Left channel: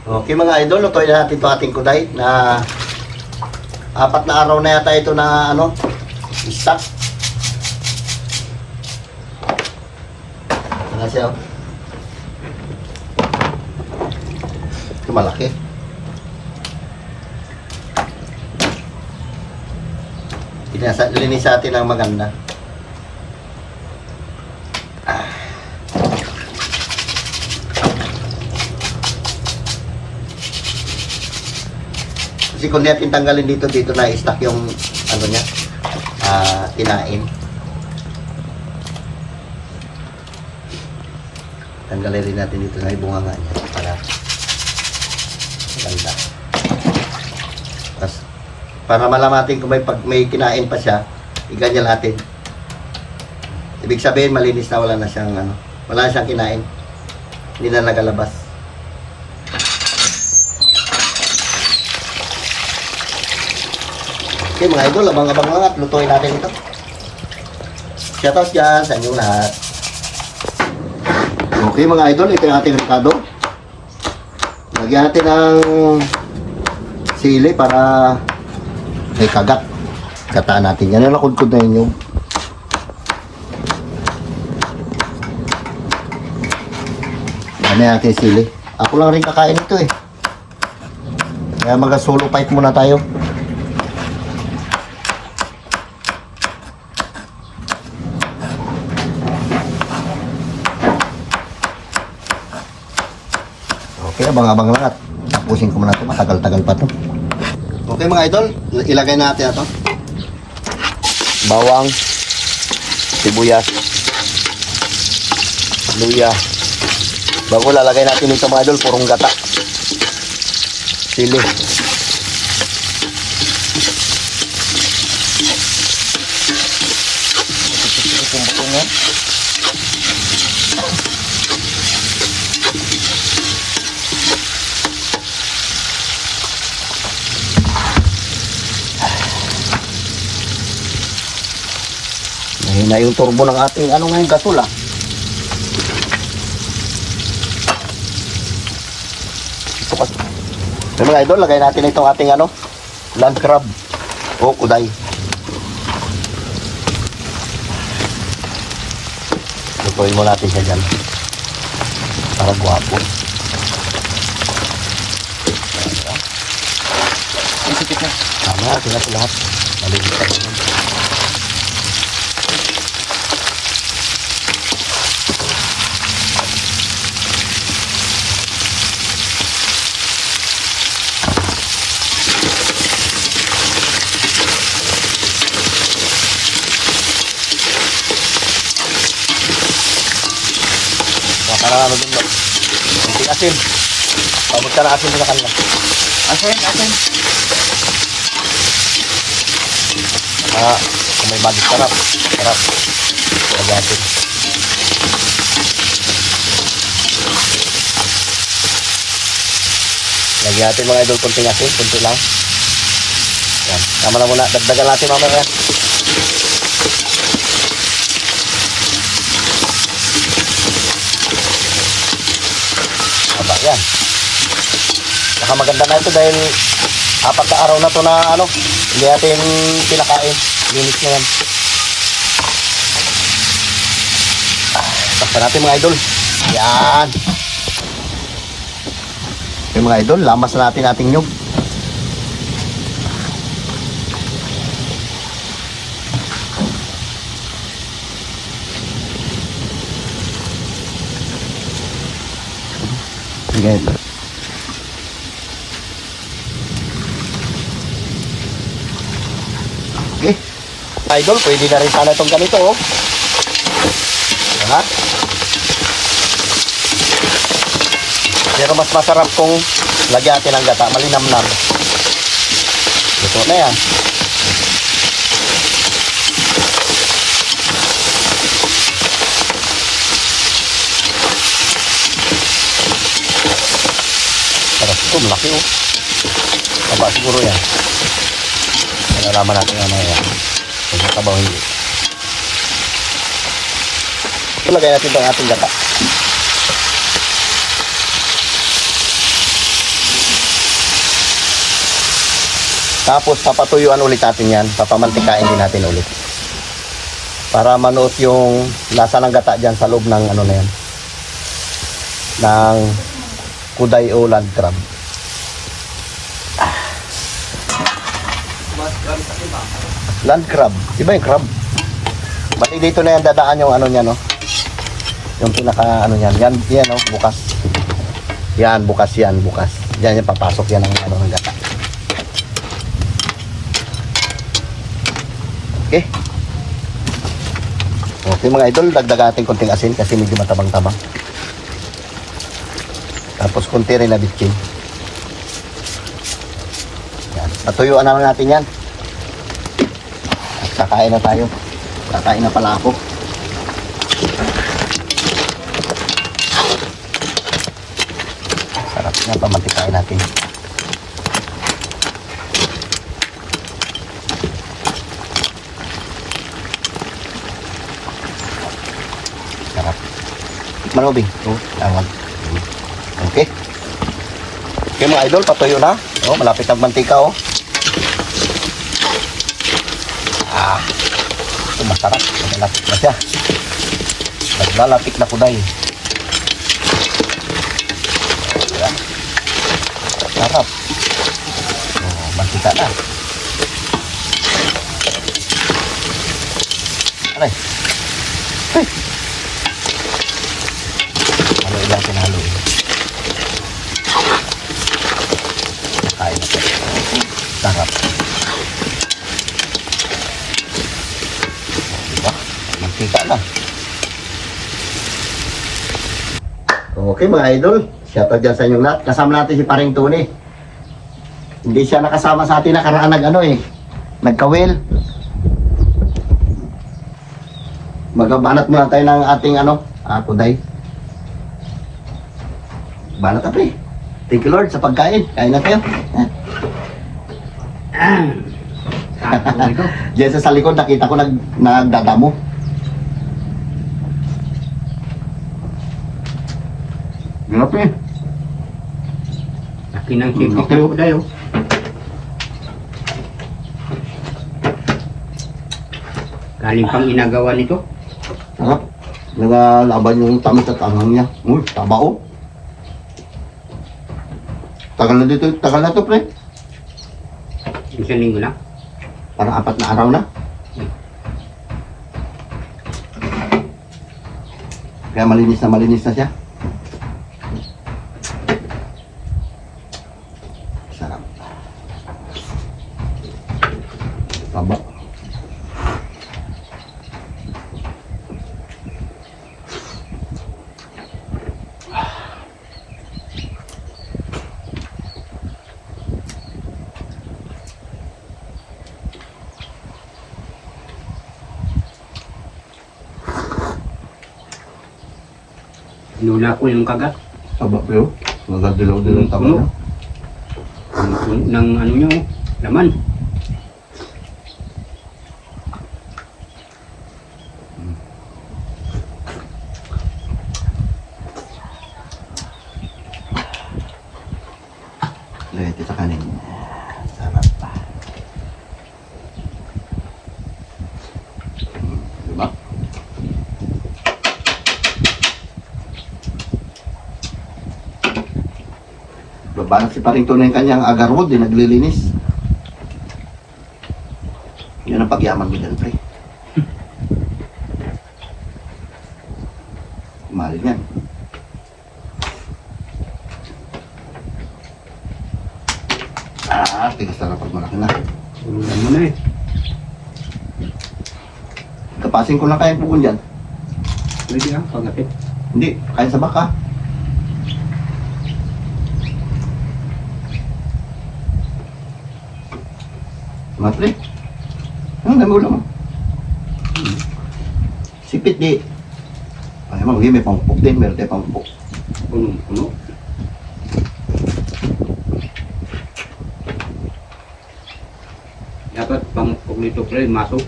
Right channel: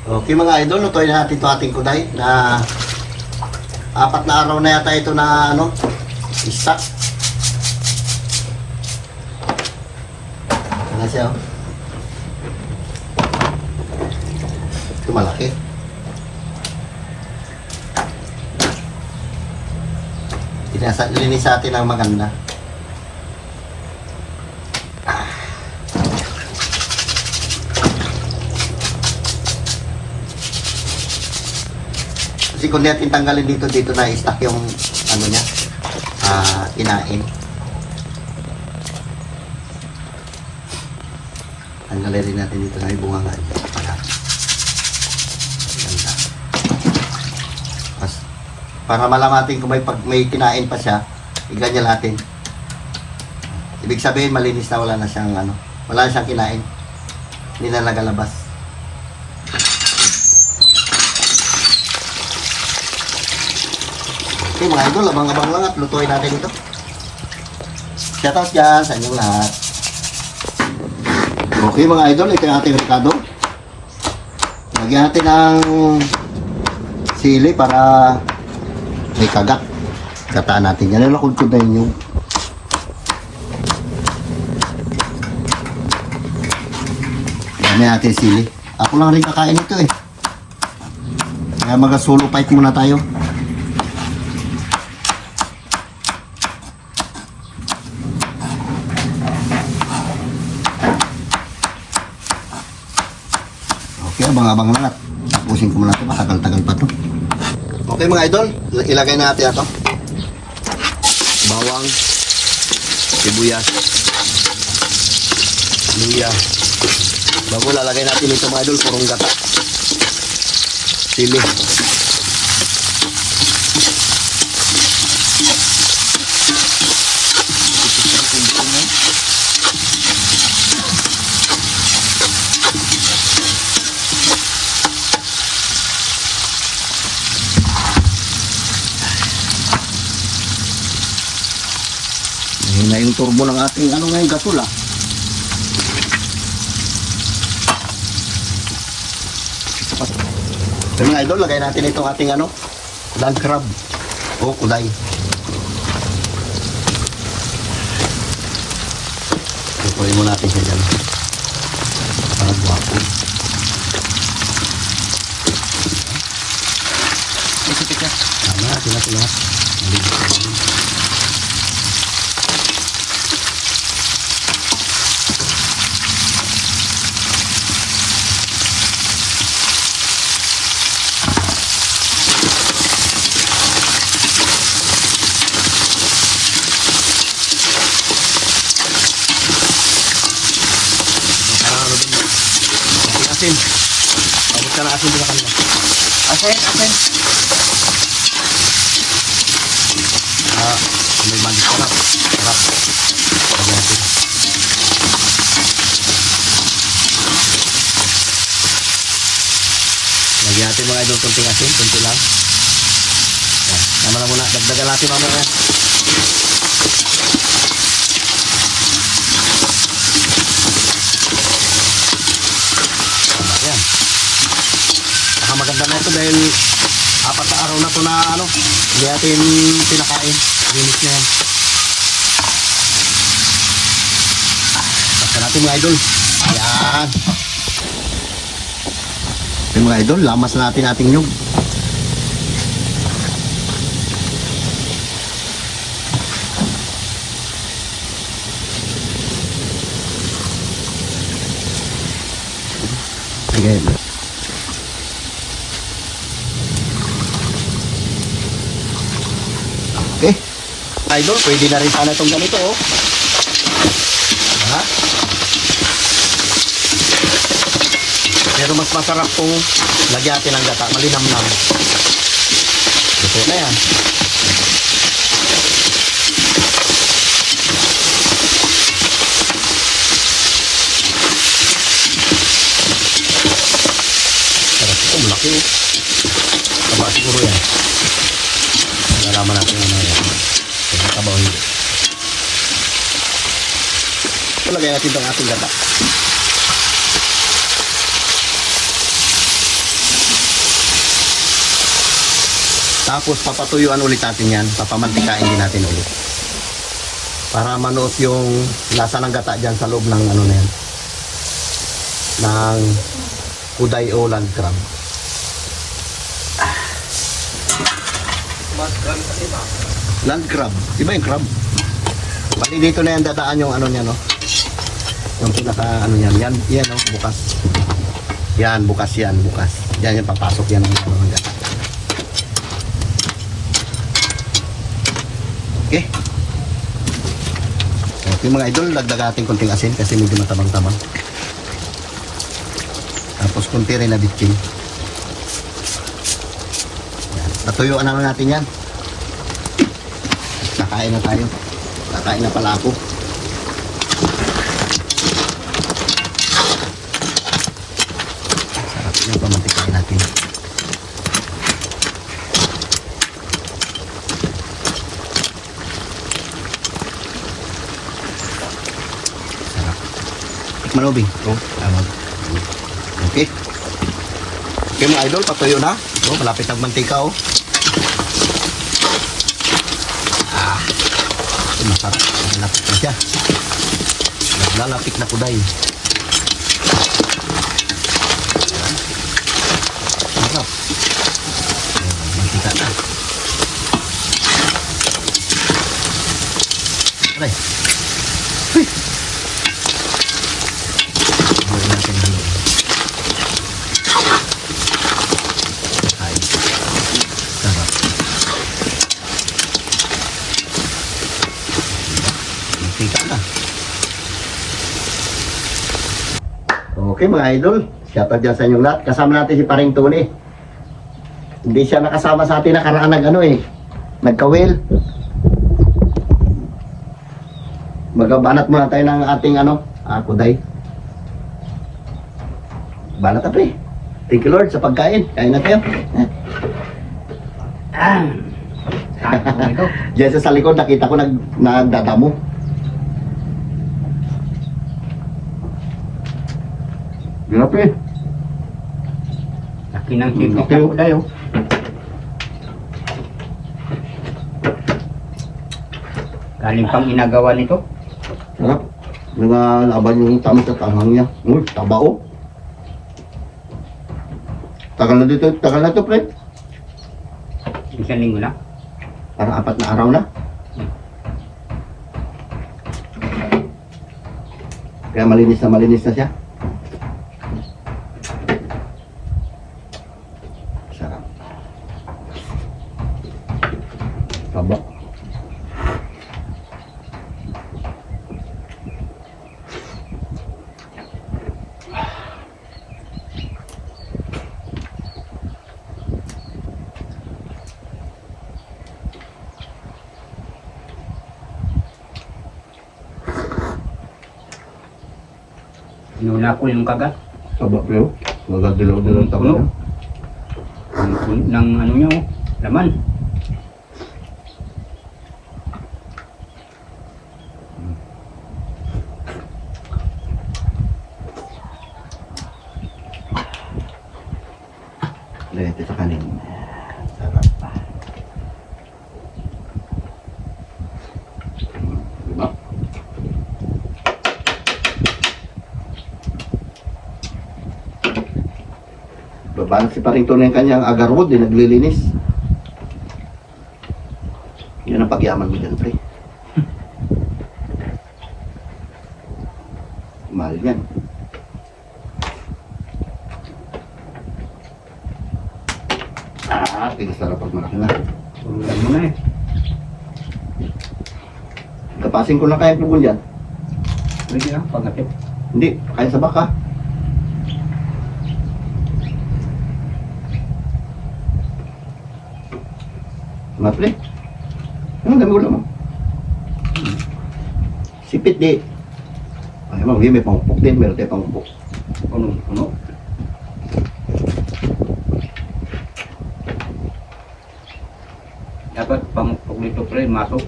Okay mga idol, lutuin na natin ito ating kuday na 4 na araw na yata ito na stock. Ano siya, oh. Ito malaki. Linis natin ang maganda. Kasi kung natin tanggalin dito na stock yung niya, kinain. Tanggalin rin natin dito na ibunga nga niya para ganda. Tapos, para malamatin kung may kinain pa siya, iganyan natin. Ibig sabihin malinis na, wala na siyang kinain. Hindi na nagalabas. Okay mga idol, abang-abang lang at lutuin natin ito. Shoutout dyan sa inyong lahat. Okay mga idol, ito yung ating ricado. Lagyan natin ng sili para may kagat. Kataan natin yan. Nakudkod na yun yung dami natin sili. Ako lang rin kakain ito eh. Kaya mag-solo fight muna tayo. Okay, abang-abang lang at tapusin ko muna ito. Matagal-tagal pa ito. Okay mga idol, ilagay natin ito. Bawang, sibuyas, luya. Bago lalagay natin ito mga idol, purong gata. Sili. Na yung turbo ng ating ngayon gasol So, mga idol, lagay natin itong ating land crab o kuday. Ituloy mo natin siya dyan para buhapo. Ang sipit na lahat maligit ka dyan. Asin. Ay, magkara asin na kanila. Asin. May balik sarap. Pag-asin. Lagyan natin mga idol konting asin. Konti lang. Yan. Tama na muna. Dagdagan natin mamaya. Yan. Saka maganda na ito dahil 4 na araw na ito na hindi natin pinakain. Linis na yan. Basta natin mga idol. Yan. Yung mga idol, lamas na natin ating nyug. Sige. Okay. Idol, pwede na rin sana itong ganito, oh. Diba? Pero mas masarap kung lagyan natin ng gata. Malinamnam. Ito na yan. Ito, malaki, oh. Taba siguro yan. Nalaman natin yan. Ito, taba hindi. Ito, lagay natin ang ating gata. Tapos papatuyuan ulit natin yan. Papamantikain din natin ulit. Para manuot yung lasa ng gata dyan sa loob ng ano na yan. Ng kuday o land crab. Land crab. Iba yung crab. Bali dito na yan dadaan yung ano niya, no? Yung pinaka ano yan. Yan, no? Bukas. Yan, bukas yan. Bukas. Yan yung papasok yan ng ano ng gata. Okay. Okay mga idol, dagdagan natin konting asin kasi medyo matabang-tabang. Tapos konti rin na bitchin. Yan. Natuyuan naman natin yan. Kakain na tayo. Kakain na pala ako. Sarap na pamantikain natin. Manubing. Oh, ayan. Okay. Okay mga idol, patuyo na. Oh, malapit ang mantika oh. Masarap. Malapit na siya. Naglalapit na kuday. Ayan. Sarap. Mantika na. Aray. Okay mga idol, shoutout dyan sa inyong lahat. Kasama natin si Paring Tony. Hindi siya nakasama sa atin nakaraan nagkawil. Magbanat muna tayo ng ating kuday. Banat na pre. Thank you Lord sa pagkain. Kain na tayo. Diyan sa likod nakita ko nagdadamo. Ano pre? Laki ng sipit na kuday oh. Galing pang inagawa nito. Sarap. Nagalaban yung tamis at anghang niya. Taba oh. Tagal na to pre. Isang linggo lang. Parang 4 na araw na. Kaya malinis na siya. Sarap. Taba. Inuna ko yung kagat. Taba pero. Magagdilaw din ang taba niya. Ng ano nyo, laman. Dito sa kanin. Sarap pa. Diba? Babanat si Paring Tony yung kanyang agarwood, naglilinis. Yun ang pagyaman mo dyan, pre. Mahal yan. Tingnan sarap pag malaki na. Tululan mo na eh. Kapasin ko lang kaya pugon dyan. Pwede pagatin. Hindi, kaya sa baka. Mga pre. Ang dami ulam mo. Sipit di. Ay, may pangupok din. Meron tayo pangupok. Puno. Dapat pang nito pre, masok.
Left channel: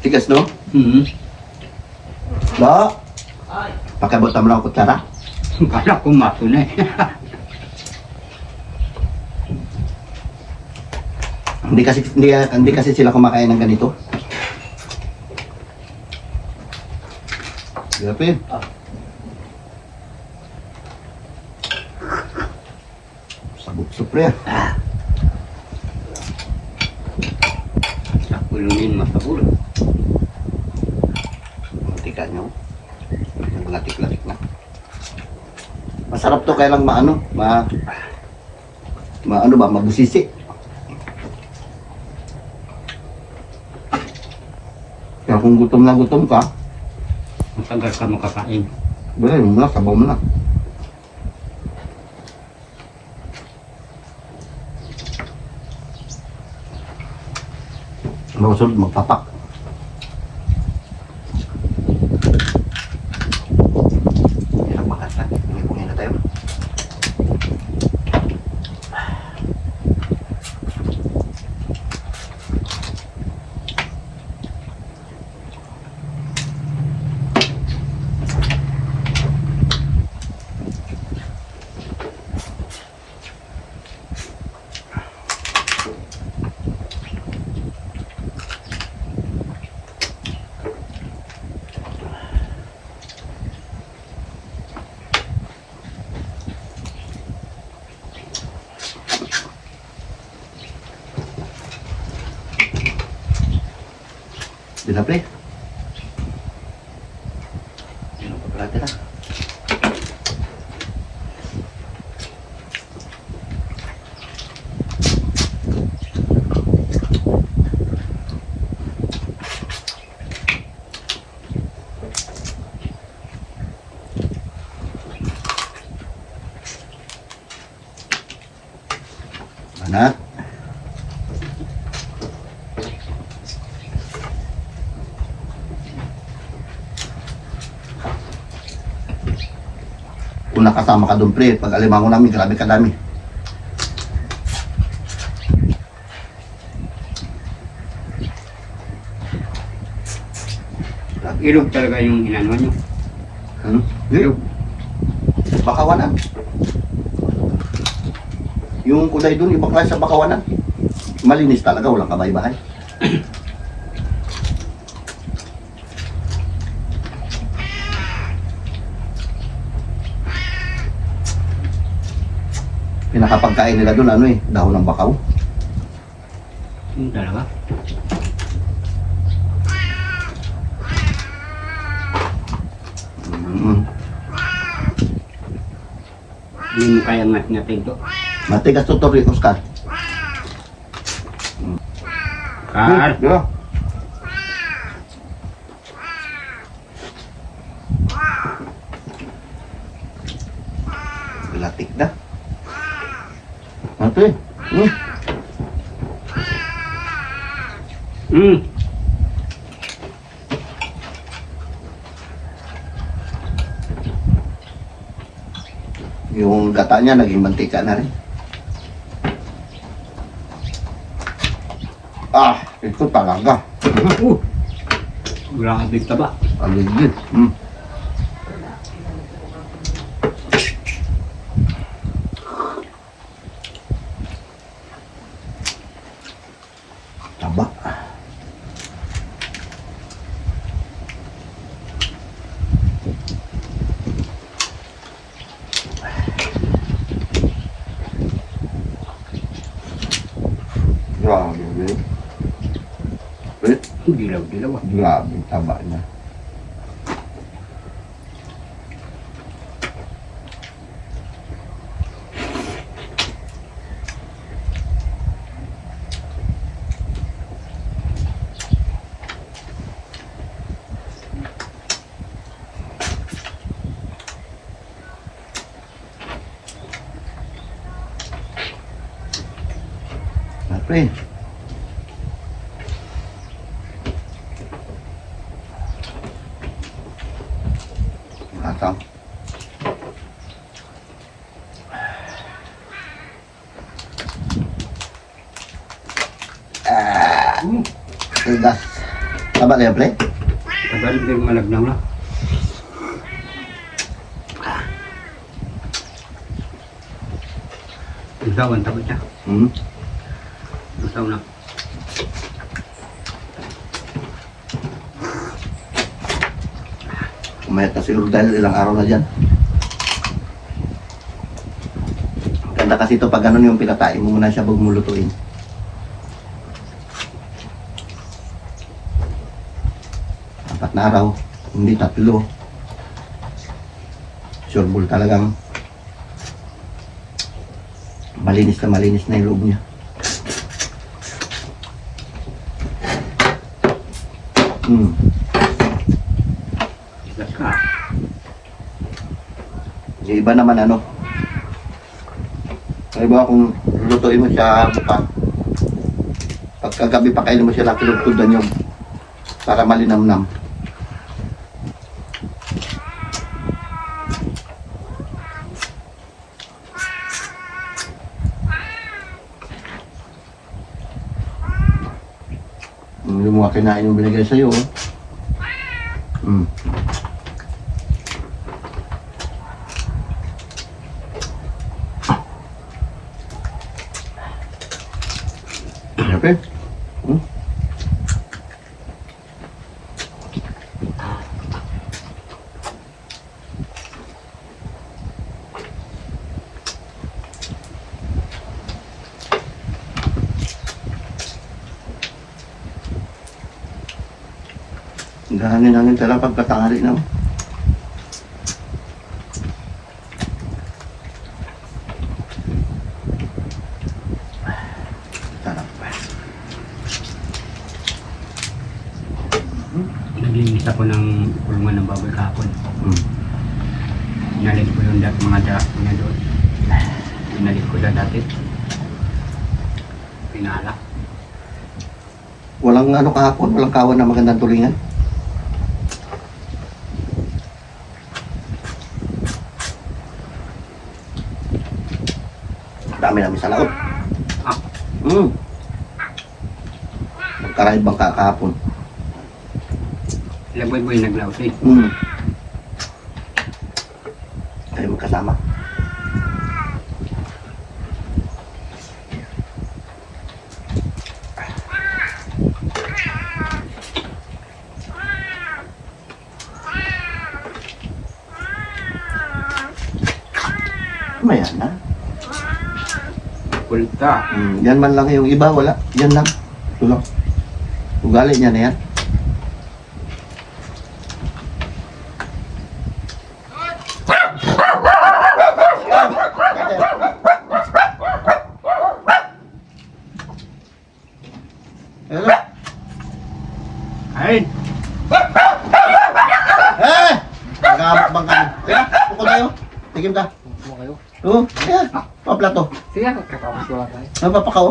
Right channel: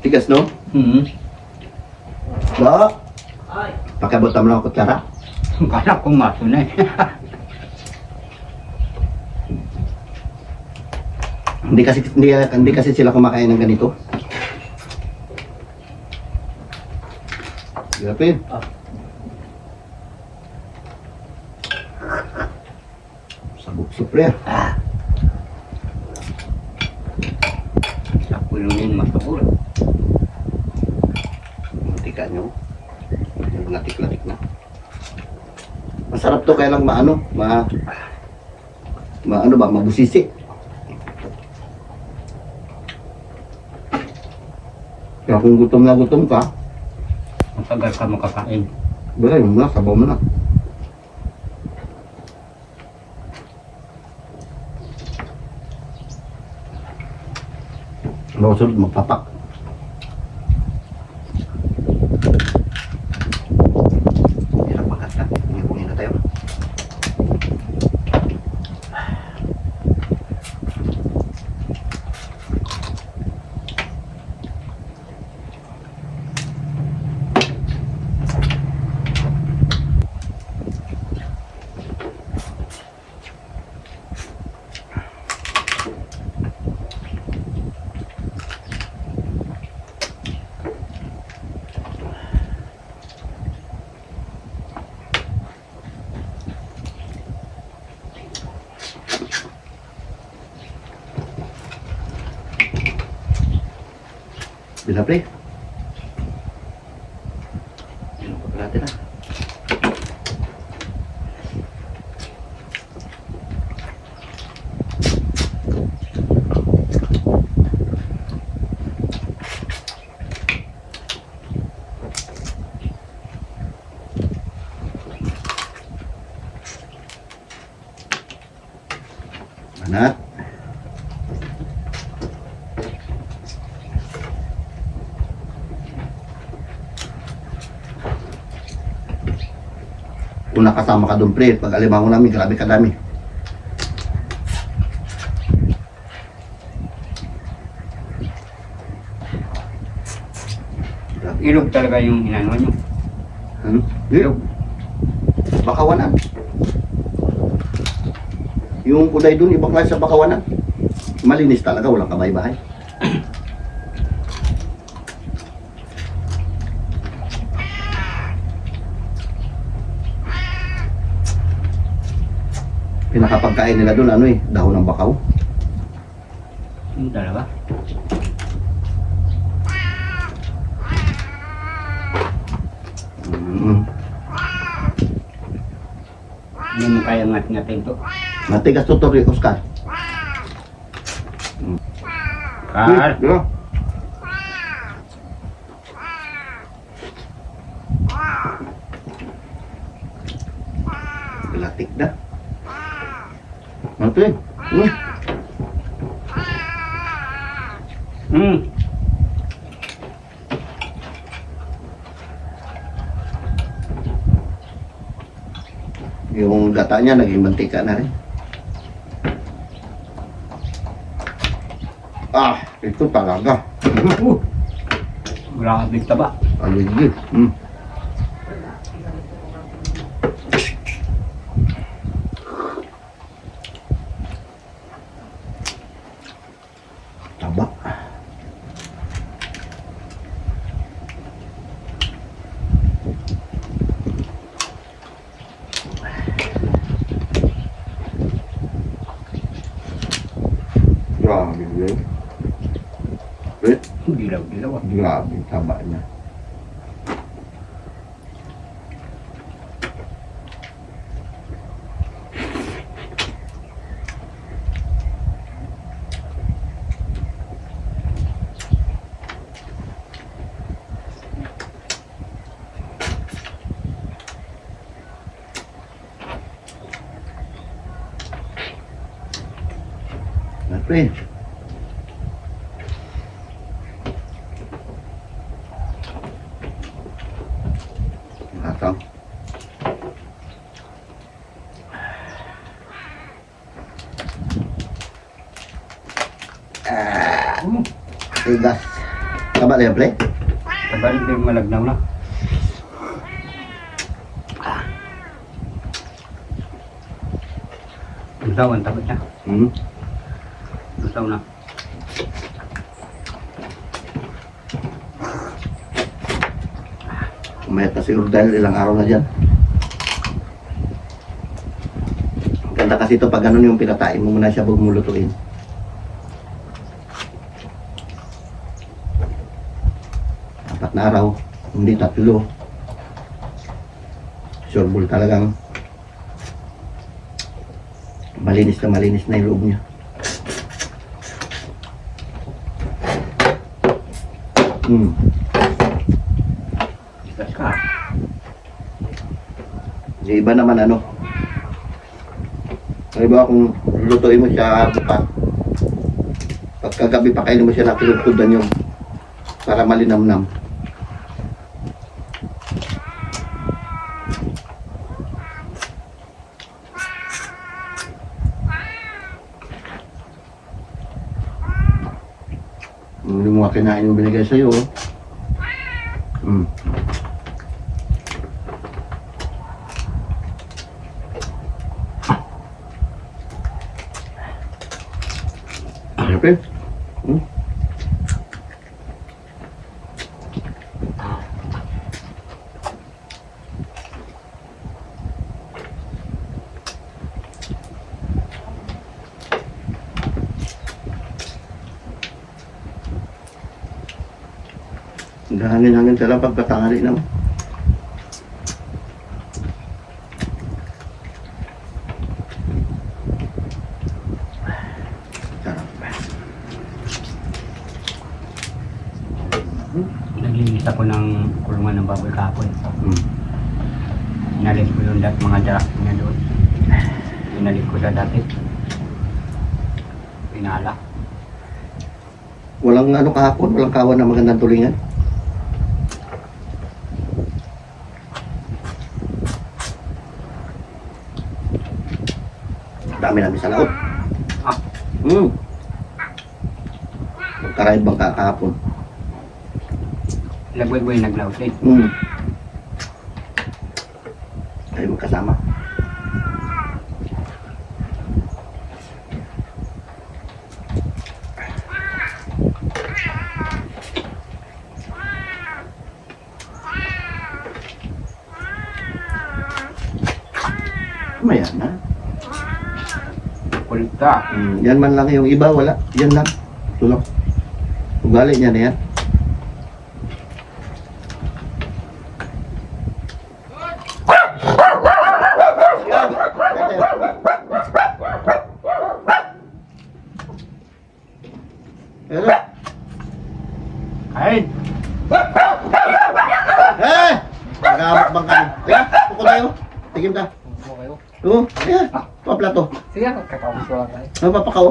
Tigas, no? Mm-hmm. No? Pakibutan mo lang ang kutsara. Kala ko maso na eh. Hindi kasi sila kumakain ng ganito. Grabe yun. Sabog-sup pre. Kulungin masahol. Tika nyo. Yung latik-latik na. Masarap to kaya lang maano. Ano ba? Mabusisi. Kaya kung gutom na gutom ka, Matagal ka makakain. wala yung na, sabaw mo na. Masunod magpapak. Hirap magkata. Ngipungin na tayo. Bila pre? Berarti lah. Mana? Kung nakasama ka doon pre, pag alimango namin, grabe kadami. Ilog talaga yung inano nyo. Ilog. Bakawanan. Yung kulay doon, ibang klase sa bakawanan. Malinis talaga, walang kabay-bahay. Pinakapagkain nila doon, ano dahon ng bakaw. Talaga. Hindi mo kaya ngat-ngatin ito. Matigas to Oscar. Kar. Yeah. Gelatik dah. Mati. Yung gatanya naging mantika na rin. Itu talaga. Grabe taba. Aligid. Taba. Grabe. Dilaw-dilaw. Grabe tabanya. Pre. Matang. Tigas. Taba na yan, pre? Taba rin yung malagnaw na. Lusaw ang taba niya. Lusaw na. May kasi dahil ilang araw na dyan. Ganda kasi ito pag ganun yung pinatain mo muna siya bago mo lutuin. Apat na araw, hindi 3. Sureball talagang malinis na yung loob niya. Saka. Yung iba naman ano, yung iba kung lutuin mo siya buka, pagkagabi pa kainin mo siya ng kulod-kulodan yung para malinamnam. Hindi mo kinain yung binigay sa'yo. Okay. Hangin-hangin talaga pagkatangali na. Sarap. Naglinis ako ng kulungan ng baboy kahapon. Inalit ko yung mga darak niya doon. Inalit ko sa dati. Pinala. Walang ano kahapon, walang kawan na magandang tulingan. Dami namin sa laot. Magkaraib bang kahapon. Laboy-boy naglaos eh. Tayo magkasama. Mayan na. Kulta. Yan man lang yung iba, wala. Yan lang. Ito lang. Ugali niya na yan. Hello? Kain! Nagamak bang kami? Kaya, pukul tayo. Tigim ka. Oo, kaya. Paplato. Sige, magkakapos ko lang tayo. Ano papakaw?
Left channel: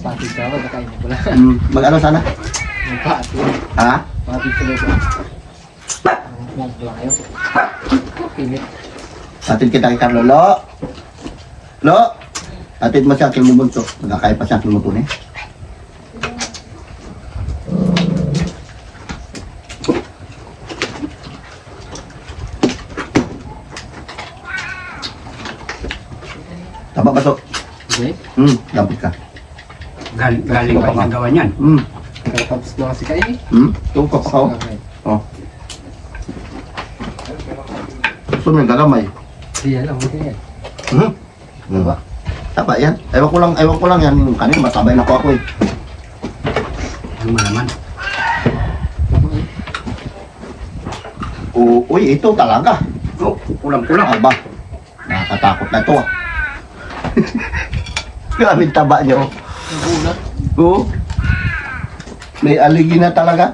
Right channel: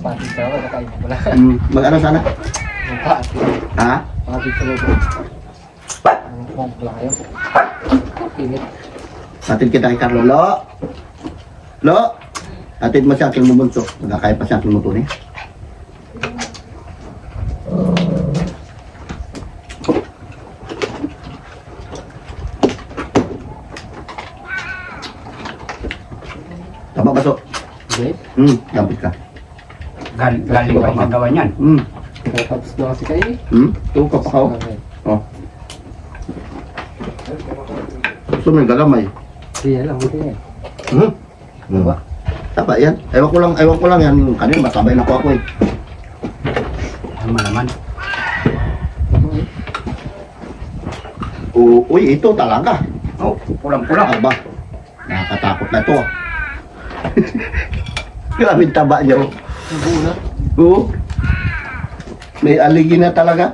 Tapos ka, wala kayo magula. Mag-ano sana? Ha? Tapos ka dito. Magula kayo. Pilit. Atid kita kay Carlo. Lo! Atid mo siya aking mumunto. Nagkakaya pa siya aking mumunto eh. Tama ba to? Okay. Dapat ka. Galing ba yung gawa niyan? Kaya tapos ko kasi kayo. Ito papakaw. Oh. Ito may gagamay. Iya lang, okay yan. Diba? Tapa yan. Ewan ko lang yan. Kanina masabay na ko ako eh. Ang malaman. Uy, ito talaga. Oh, pulang-pulang. Aba, nakakatakot na ito ah. Grabe taba niyo. Hindi na. Oo. May aligi na talaga.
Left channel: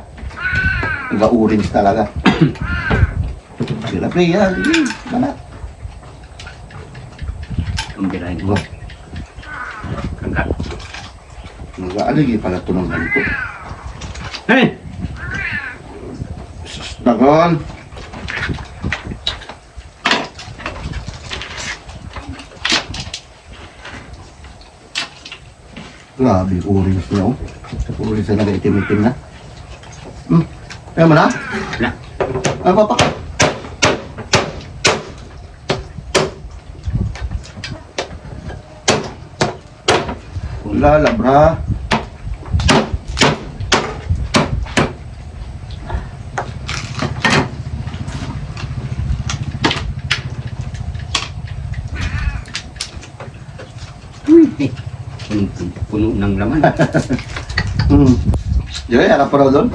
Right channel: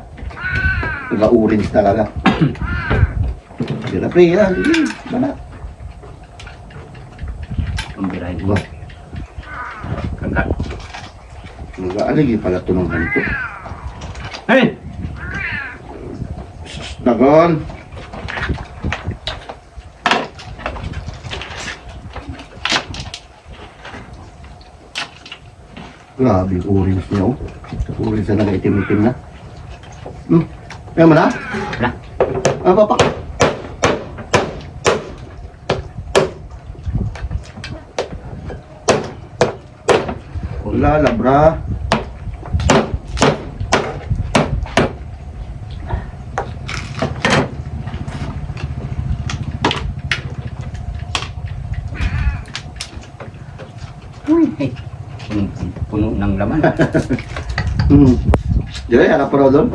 Nag-orange talaga. Sila Priya, aligi. Mana? Kumbirahin ko. Kagat. Nag-aligi pala ito ng ganito. Hey! Dagon. Grabe, orange niya oh. Orange na nag-itim-itim na. Kaya mo na? Na. Ano pa pa? Wala, labra. puno ng laman. Joy, harap po raw doon.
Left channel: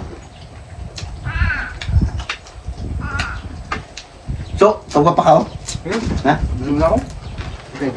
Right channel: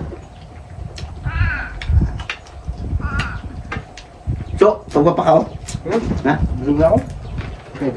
So, tungkol pa ka oh. Ha? Zoom na ako. Okay.